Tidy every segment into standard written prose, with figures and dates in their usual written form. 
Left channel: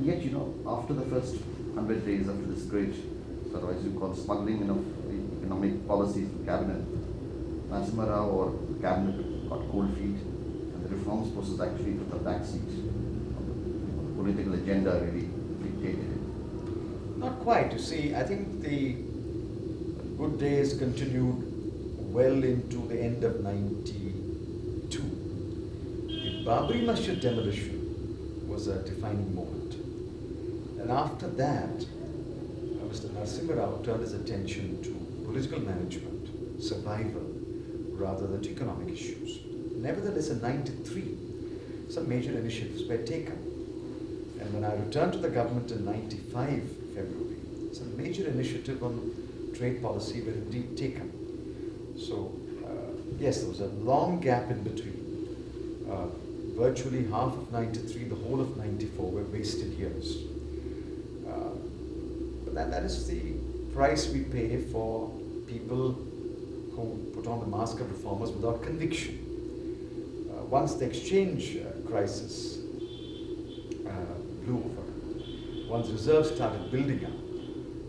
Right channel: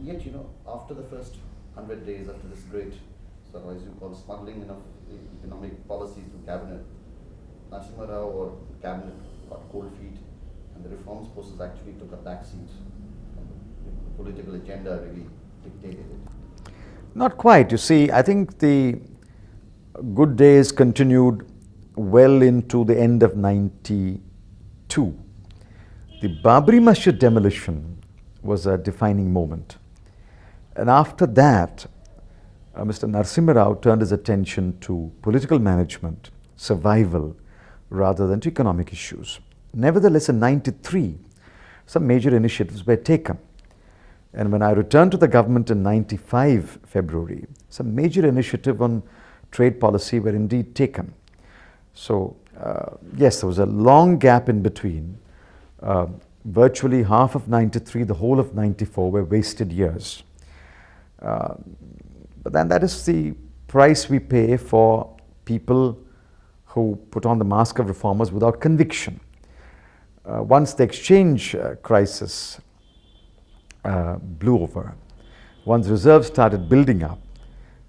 And yet, after the first 100 days, after this great, sort of as you call, smuggling of the economic policies to cabinet, Narasimha Rao or the cabinet got cold feet, and the reforms process actually took a back seat. The political agenda really dictated it. Not quite. You see, I think the good days continued well into the end of 92. The Babri Masjid demolition was a defining moment. And after that, Mr. Narasimha Rao turned his attention to political management, survival, rather than to economic issues. Nevertheless, in 93, some major initiatives were taken. And when I returned to the government in 95 February, some major initiative on trade policy were indeed taken. So, yes, there was a long gap in between. Virtually half of 93, the whole of 94 were wasted years. But then that is the price we pay for people who put on the mask of reformers without conviction. Once the exchange crisis blew over, once reserves started building up,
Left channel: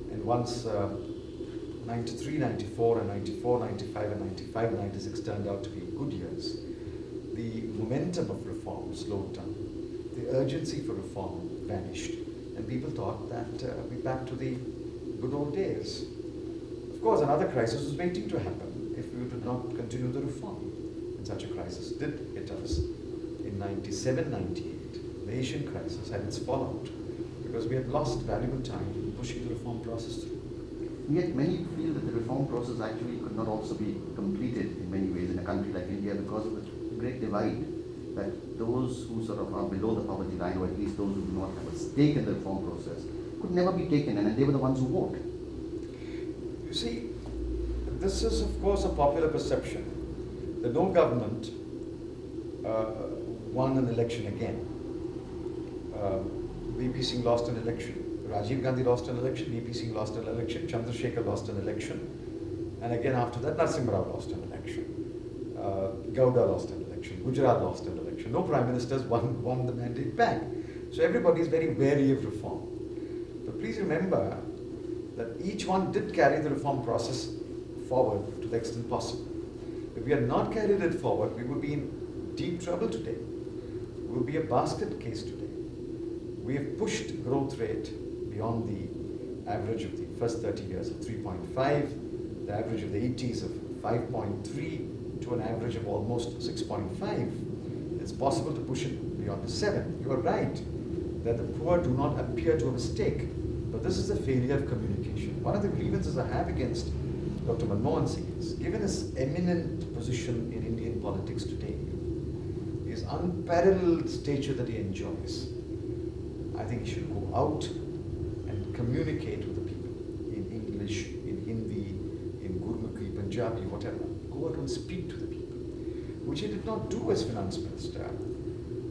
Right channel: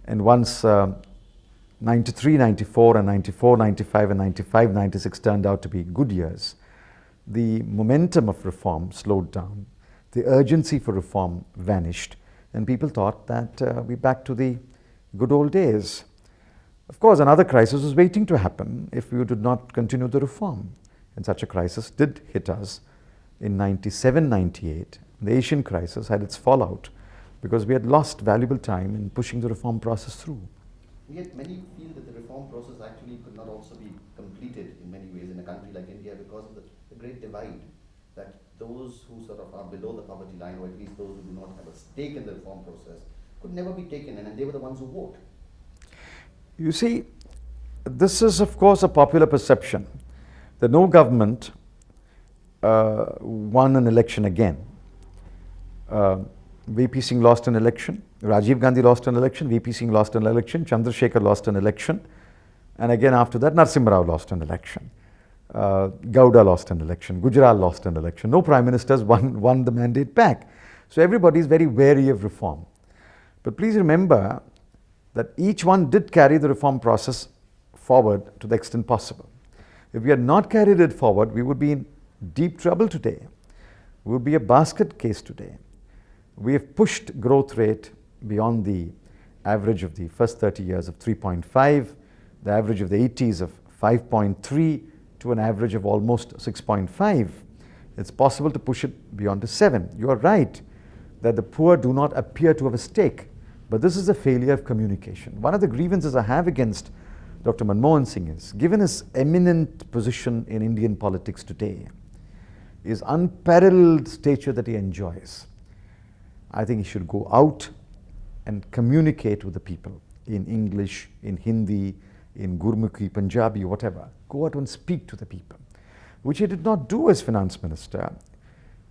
and once 93, 94 and 94, 95 and 95, 96 turned out to be good years, the momentum of reform slowed down, the urgency for reform vanished, and people thought that we're back to the good old days. Of course, another crisis was waiting to happen if we did not continue the reform. And such a crisis did hit us in 97, 98. The Asian crisis had its fallout because we had lost valuable time in pushing the reform process through. Yet many feel that the reform process actually could not also be completed in many ways in a country like India because of the great divide, that those who sort of are below the poverty line, or at least those who do not have a stake in the reform process, could never be taken, and they were the ones who vote. You see, this is of course a popular perception that no government won an election again. VP Singh lost an election, Rajiv Gandhi lost an election, VP Singh lost an election, Chandrasekhar lost an election, and again after that Narasimha Rao lost an election. Gowda lost an election, Gujarat lost an election. No prime ministers won the mandate back. So everybody is very wary of reform. But please remember that each one did carry the reform process forward to the extent possible. If we had not carried it forward, we would be in deep trouble today. We would be a basket case today. We have pushed growth rate beyond the average of the first 30 years of 3.5, the average of the 80s of 5.3, to an average of almost 6.5. It's possible to push it beyond to 7. You are right that the poor do not appear to have a stake, but this is a failure of communication. One of the grievances I have against Dr. MAnmohan Singh is, given his eminent position in Indian politics today, his unparalleled stature that he enjoys, I think he should go out and communicate with the people in English, in Hindi, in Gurmukhi, Punjabi, whatever. Go out and speak to the people, which he did not do as finance minister.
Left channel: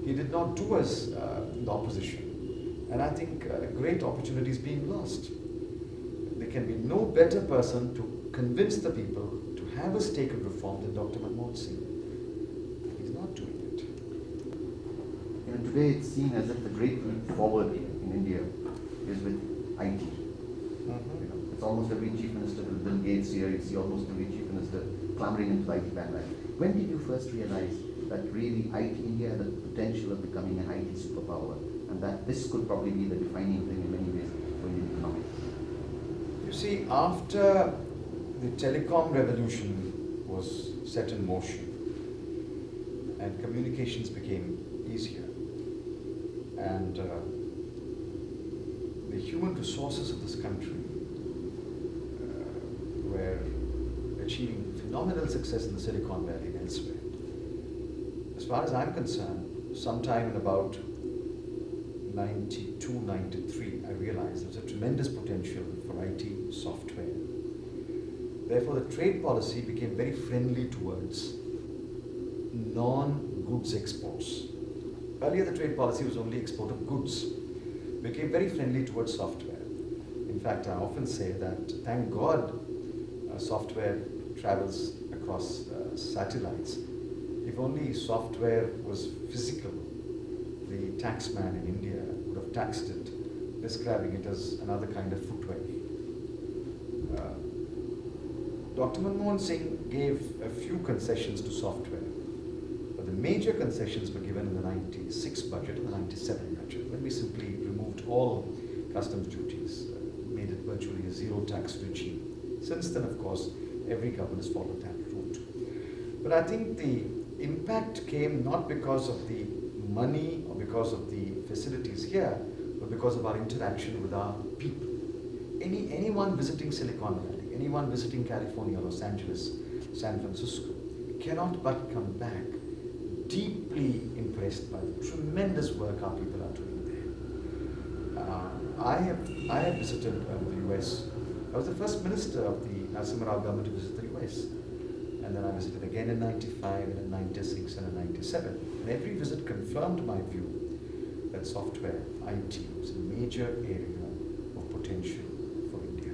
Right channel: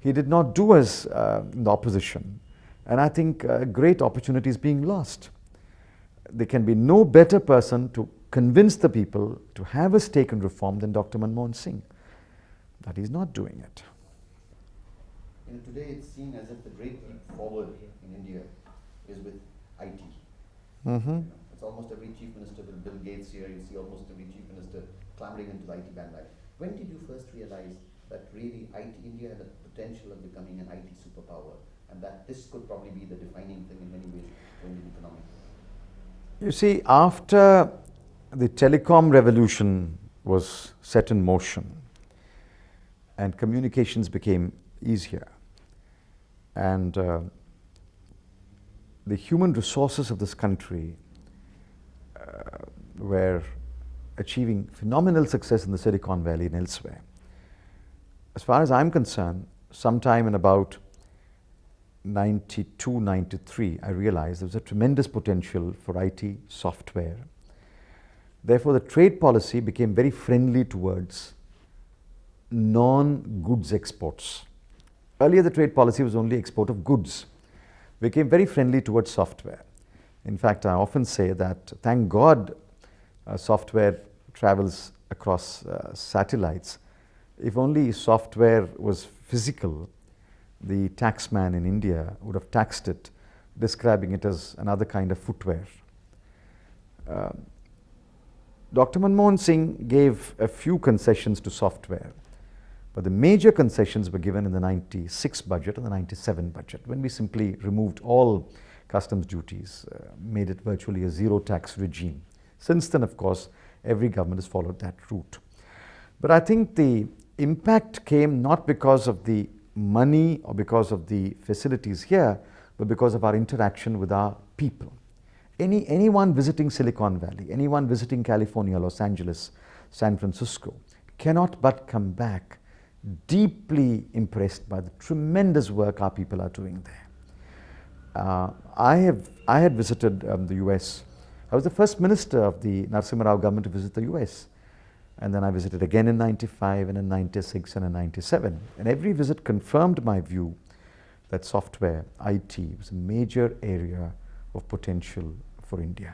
He did not do as the opposition. And I think a great opportunity is being lost. There can be no better person to convince the people to have a stake in reform than Dr. MAnmohan Singh. But he's not doing it. Today it's seen as if the great leap forward in India is with IT. It's almost every chief minister, with Bill Gates here, you see almost every chief minister clambering into the IT bandwagon. When did you first realize that really IT India had the potential of becoming an IT superpower, and that this could probably be the defining thing in many ways for Indian economy? You see, after the Telecom Revolution was set in motion and communications became easier, and the human resources of this country were achieving phenomenal success in the Silicon Valley and elsewhere. As far as I'm concerned, sometime in about 92, 93, I realized there was a tremendous potential for IT software. Therefore, the trade policy became very friendly towards non-goods exports. Earlier, the trade policy was only export of goods. It became very friendly towards software. In fact, I often say that, thank God, software travels across satellites. If only software was physical, the taxman in India would have taxed it, describing it as another kind of footwear. Dr. MAnmohan Singh gave a few concessions to software, but the major concessions were given in the 96 budget and the 97 budget, when we simply removed all customs duties, made it virtually a zero tax regime. Since then, of course, every government has followed that route. But I think the impact came not because of the money or because of the facilities here, but because of our interaction with our people. Anyone visiting Silicon Valley, anyone visiting California, Los Angeles, San Francisco, cannot but come back deeply impressed by the tremendous work our people are doing there. I had visited the US. I was the first minister of the Narasimha Rao government to visit the US. And then I visited again in 95 and in 96 and in 97. And every visit confirmed my view that software, IT, was a major area of potential for India.